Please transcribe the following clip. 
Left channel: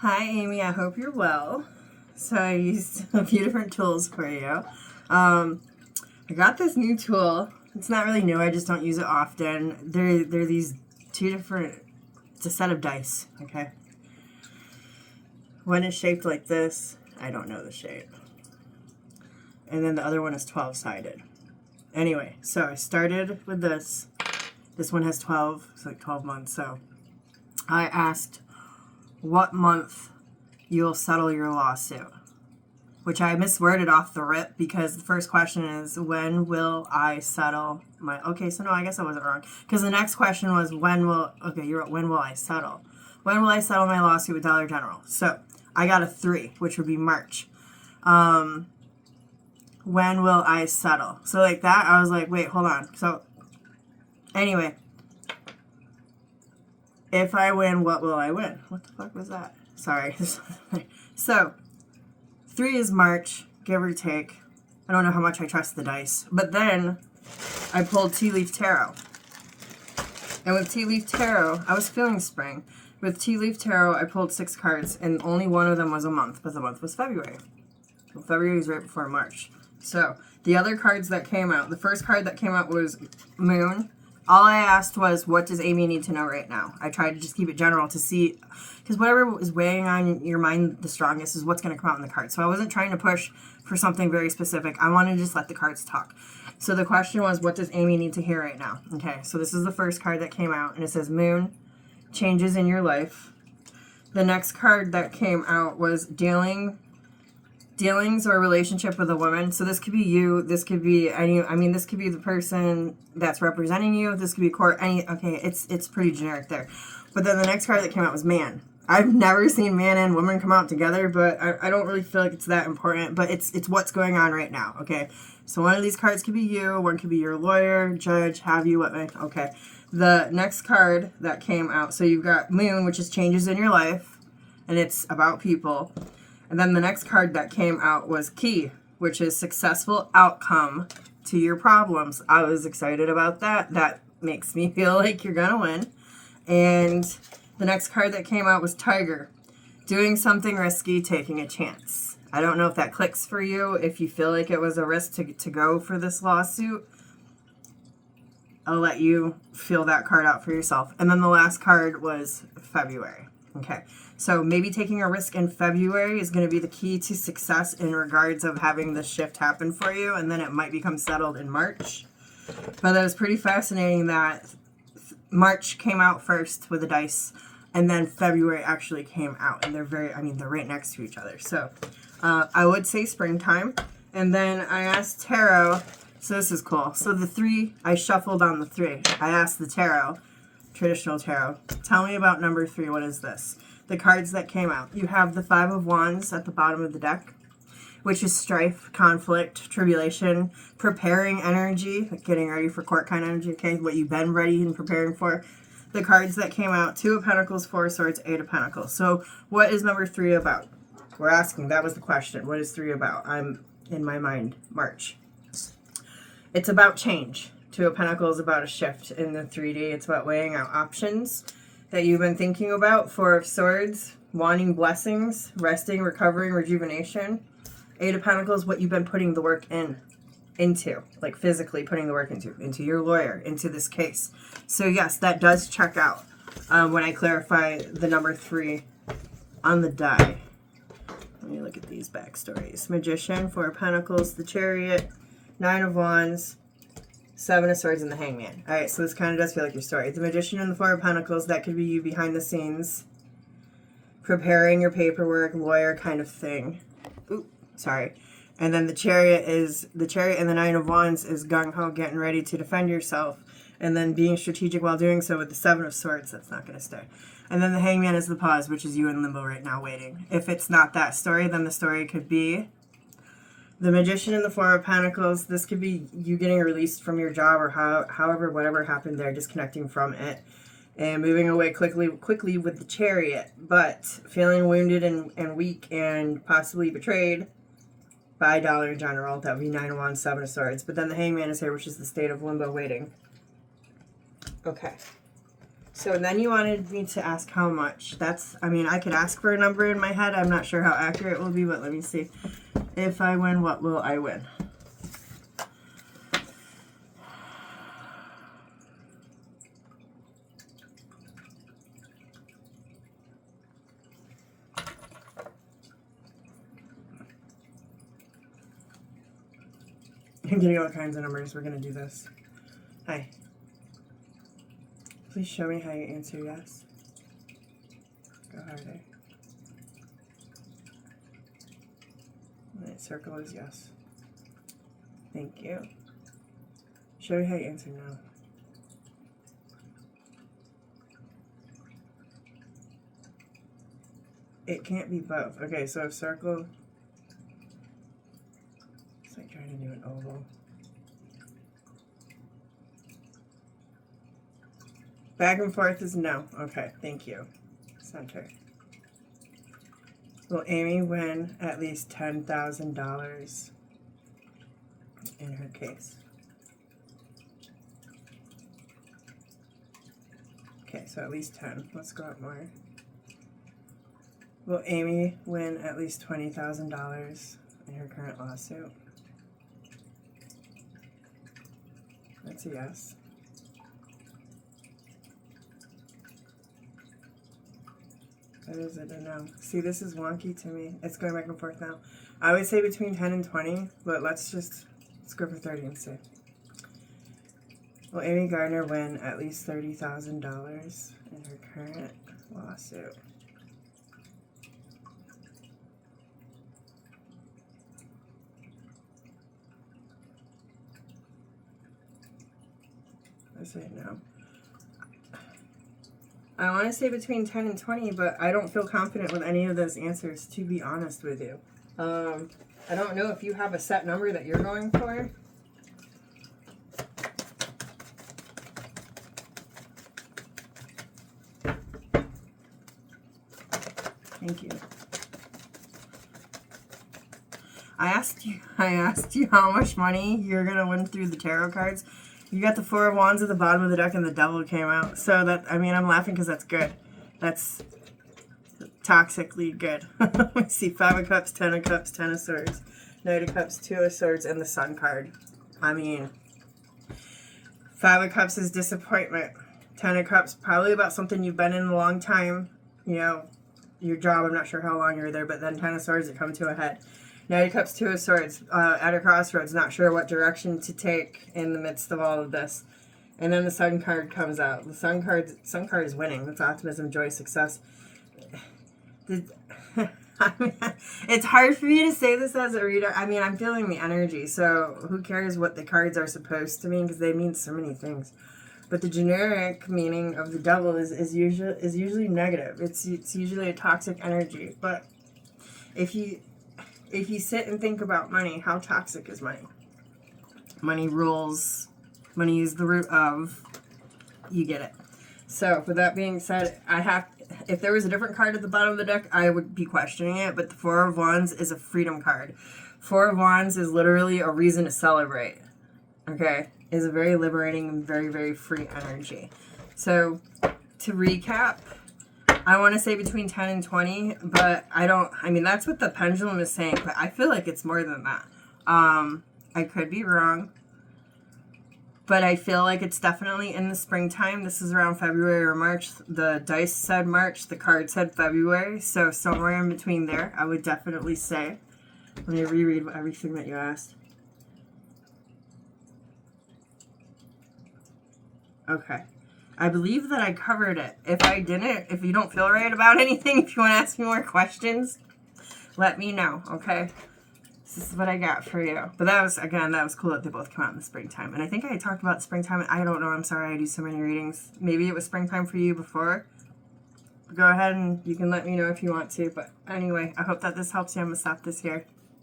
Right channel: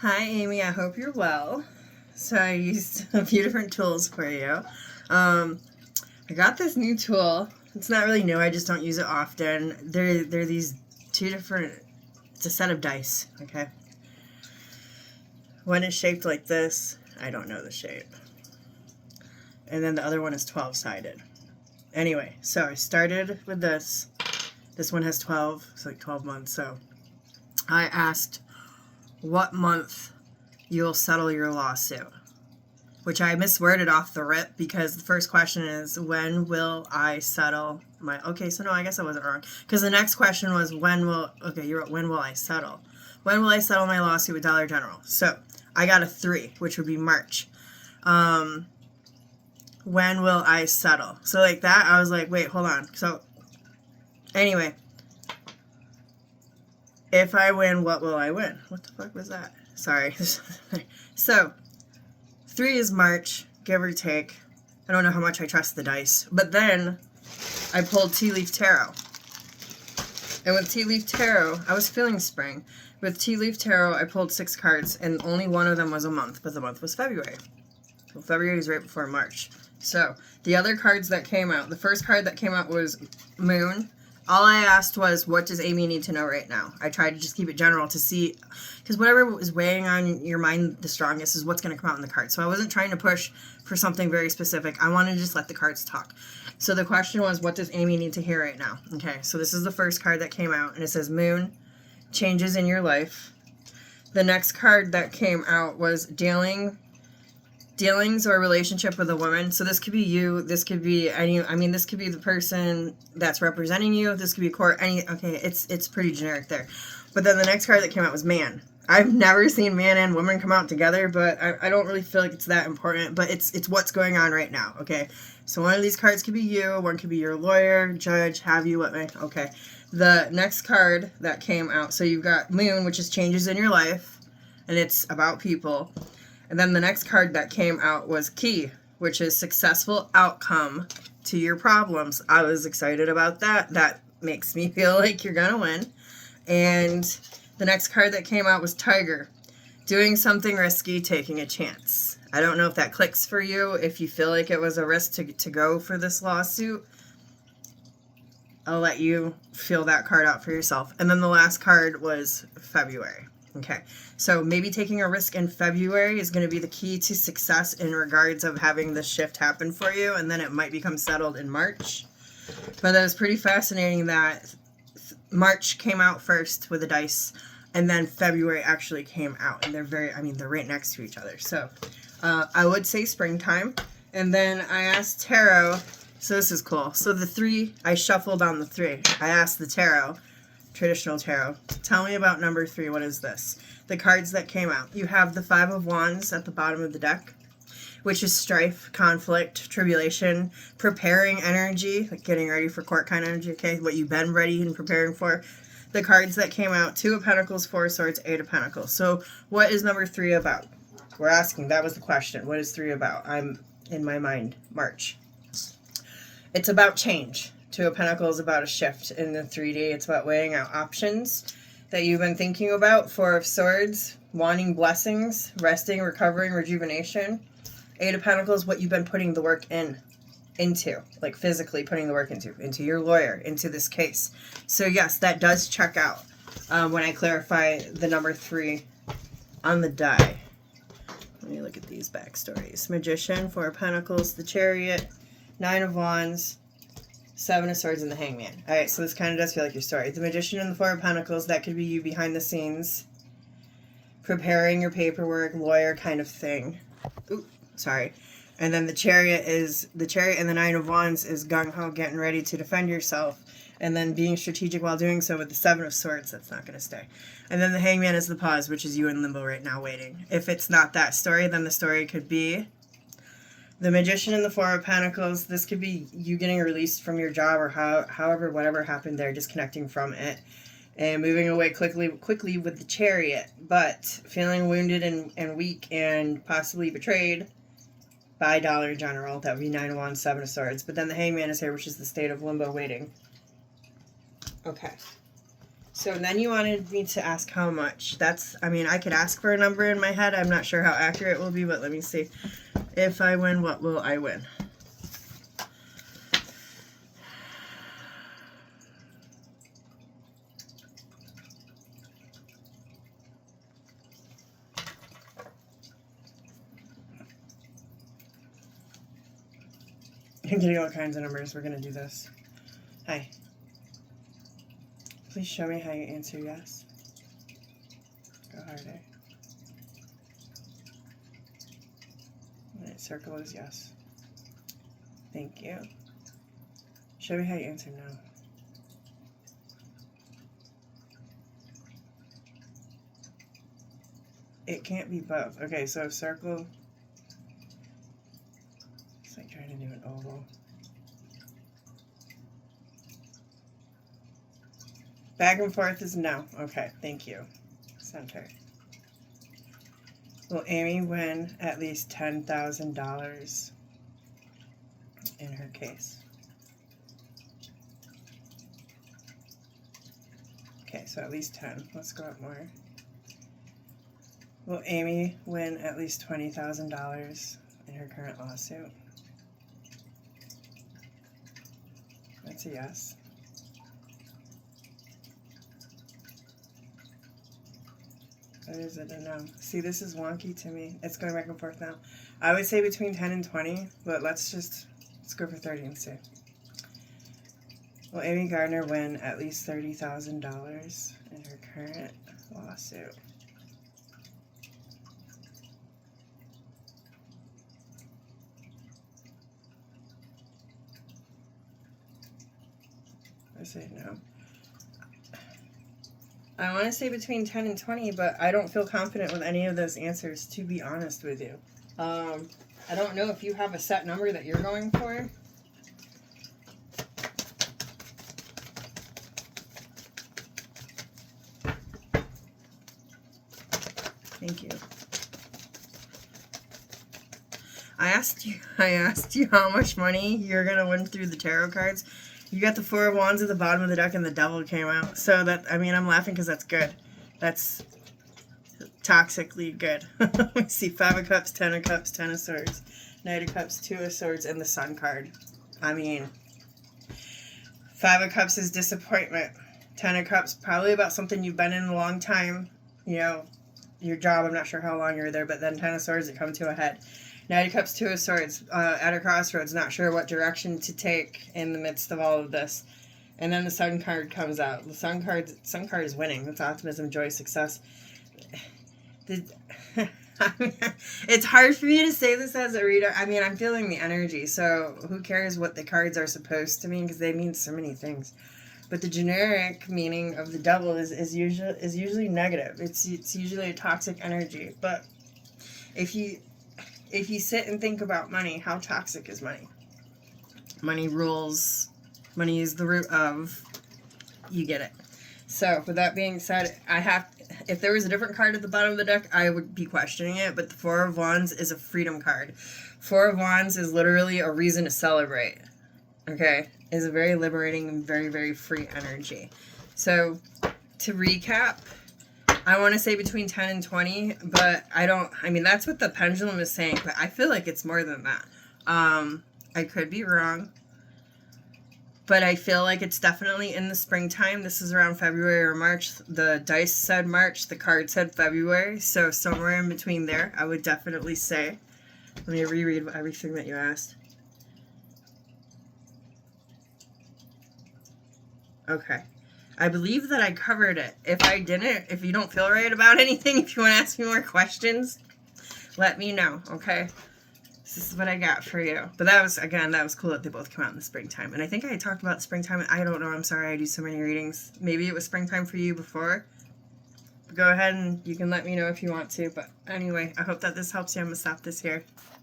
Hi, Amy. I hope you're well. So I used a few different tools for you. I got this new tool. It's not really new. I just don't use it often. They're these two different. It's a set of dice. Okay. One is shaped like this. I don't know the shape. And then the other one is 12-sided. Anyway, so I started with this. This one has 12. It's like 12 months. So I asked what month you'll settle your lawsuit, which I misworded off the rip because the first question is, when will I settle my, okay, so no, I guess I wasn't wrong. Because the next question was, when will I settle? When will I settle my lawsuit with Dollar General? So I got a 3, which would be March. When will I settle? So like that, I was like, wait, hold on. So anyway, if I win, what will I win? What the fuck was that? Sorry. So 3 is March, give or take. I don't know how much I trust the dice. But then I pulled Tea Leaf Tarot. And with Tea Leaf Tarot, I was feeling spring. With Tea Leaf Tarot, I pulled 6 cards, and only one of them was a month, but the month was February. Well, February is right before March. So the other cards that came out, the first card that came out was Moon. All I asked was, what does Amy need to know right now? I tried to just keep it general to see, because whatever is weighing on your mind the strongest is what's going to come out in the card. So I wasn't trying to push for something very specific. I wanted to just let the cards talk. So the question was, what does Amy need to hear right now? Okay, so this is the first card that came out, and it says Moon, changes in your life. The next card that came out was dealings or relationship with a woman. So this could be you, this could be this could be the person that's representing you, this could be court, it's pretty generic there. But then the next card that came out was man. I've never seen man and woman come out together, but I don't really feel like it's that important, but it's what's going on right now, okay? So one of these cards could be you, one could be your lawyer, judge, have you, okay. The next card that came out, so you've got Moon, which is changes in your life, and it's about people. And then the next card that came out was Key, which is successful outcome to your problems. I was excited about that. That makes me feel like you're going to win. And the next card that came out was Tiger, doing something risky, taking a chance. I don't know if that clicks for you, if you feel like it was a risk to go for this lawsuit. I'll let you feel that card out for yourself. And then the last card was February. Okay, so maybe taking a risk in February is going to be the key to success in regards of having this shift happen for you, and then it might become settled in March. But that was pretty fascinating that March came out first with the dice, and then February actually came out, and they're right next to each other. So I would say springtime. And then I asked Tarot, so this is cool. So the 3, I shuffled on the 3. I asked the Tarot, traditional tarot, tell me about number 3. What is this? The cards that came out. You have the 5 of Wands at the bottom of the deck, which is strife, conflict, tribulation, preparing energy, like getting ready for court kind of energy, okay? What you've been ready and preparing for. The cards that came out, 2 of Pentacles, 4 of Swords, 8 of Pentacles. So what is number 3 about? We're asking. That was the question. What is 3 about? I'm, in my mind, March. It's about change. 2 of Pentacles about a shift in the 3D. It's about weighing out options that you've been thinking about. 4 of Swords, wanting blessings, resting, recovering, rejuvenation. 8 of Pentacles, what you've been putting the work into, like physically putting the work into your lawyer, into this case. So yes, that does check out when I clarify the number 3 on the die. Let me look at these backstories. Magician, 4 of Pentacles, the Chariot, 9 of Wands, 7 of Swords, and the Hangman. All right, so this kind of does feel like your story. The Magician and the 4 of Pentacles, that could be you behind the scenes, preparing your paperwork, lawyer kind of thing. Ooh, sorry. And then the Chariot and the 9 of Wands is gung-ho, getting ready to defend yourself, and then being strategic while doing so with the 7 of Swords. That's not going to stay. And then the Hangman is the pause, which is you in limbo right now waiting. If it's not that story, then the story could be the Magician and the 4 of Pentacles. This could be you getting released from your job, or however, whatever happened there, disconnecting from it and moving away quickly with the Chariot, but feeling wounded and weak and possibly betrayed by Dollar General. That would be 9 of Wands, 7 of Swords. But then the Hangman is here, which is the state of limbo waiting. Okay. So then you wanted me to ask how much. That's, I mean, I could ask for a number in my head. I'm not sure how accurate it will be, but let me see. If I win, what will I win? I'm getting all kinds of numbers. We're going to do this. Hi. Please show me how you answer yes. Go harder. Alright, circle is yes. Thank you. Show me how you answer no. It can't be both. Okay, so circle. It's like trying to do an oval. Back and forth is no. Okay, thank you. Center. Will Amy win at least $10,000 in her case? Okay, so at least 10. Let's go up more. Will Amy win at least $20,000 in her current lawsuit? That's a yes. Or is it a no? See, this is wonky to me. It's going back and forth now. I would say between 10 and 20, but let's go for 30 and see. Will Amy Gardner win at least $30,000 in her current lawsuit? I say no. I want to say between 10 and 20, but I don't feel confident with any of those answers, to be honest with you. I don't know if you have a set number that you're going for. Thank you. I asked you how much money you're going to win through the tarot cards. You got the Four of Wands at the bottom of the deck and the Devil came out. So that, I mean, I'm laughing because that's good. That's toxically good. We see Five of Cups, Ten of Cups, Ten of Swords, Knight of Cups, Two of Swords, and the Sun card. I mean, Five of Cups is disappointment. Ten of Cups, probably about something you've been in a long time. You know, your job, I'm not sure how long you were there, but then Ten of Swords, it come to a head. Knight of Cups, Two of Swords, at a crossroads, not sure what direction to take in the midst of all of this. And then the Sun card comes out. The Sun card is winning. That's optimism, joy, success. I mean, it's hard for me to say this as a reader. I mean, I'm feeling the energy, so who cares what the cards are supposed to mean, because they mean so many things. But the generic meaning of the Devil is usually negative. It's usually a toxic energy. But if you sit and think about money, how toxic is money? Money rules. Money is the root of. You get it. So, with that being said, if there was a different card at the bottom of the deck, I would be questioning it, but the Four of Wands is a freedom card. Four of Wands is literally a reason to celebrate. Okay? Is a very liberating and very, very free energy. So, to recap, I want to say between 10 and 20, but I mean, that's what the pendulum is saying, but I feel like it's more than that. I could be wrong, but I feel like it's definitely in the springtime. This is around February or March. The dice said March, the card said February, so somewhere in between there, I would definitely say. Let me reread everything that you asked. Okay. I believe that I covered it. If I didn't, if you don't feel right about anything, if you want to ask me more questions, let me know, okay? This is what I got for you. But that was cool that they both come out in the springtime. And I think I talked about springtime. I don't know. I'm sorry. I do so many readings. Maybe it was springtime for you before. Go ahead and you can let me know if you want to. But anyway, I hope that this helps you. I'm going to stop this here.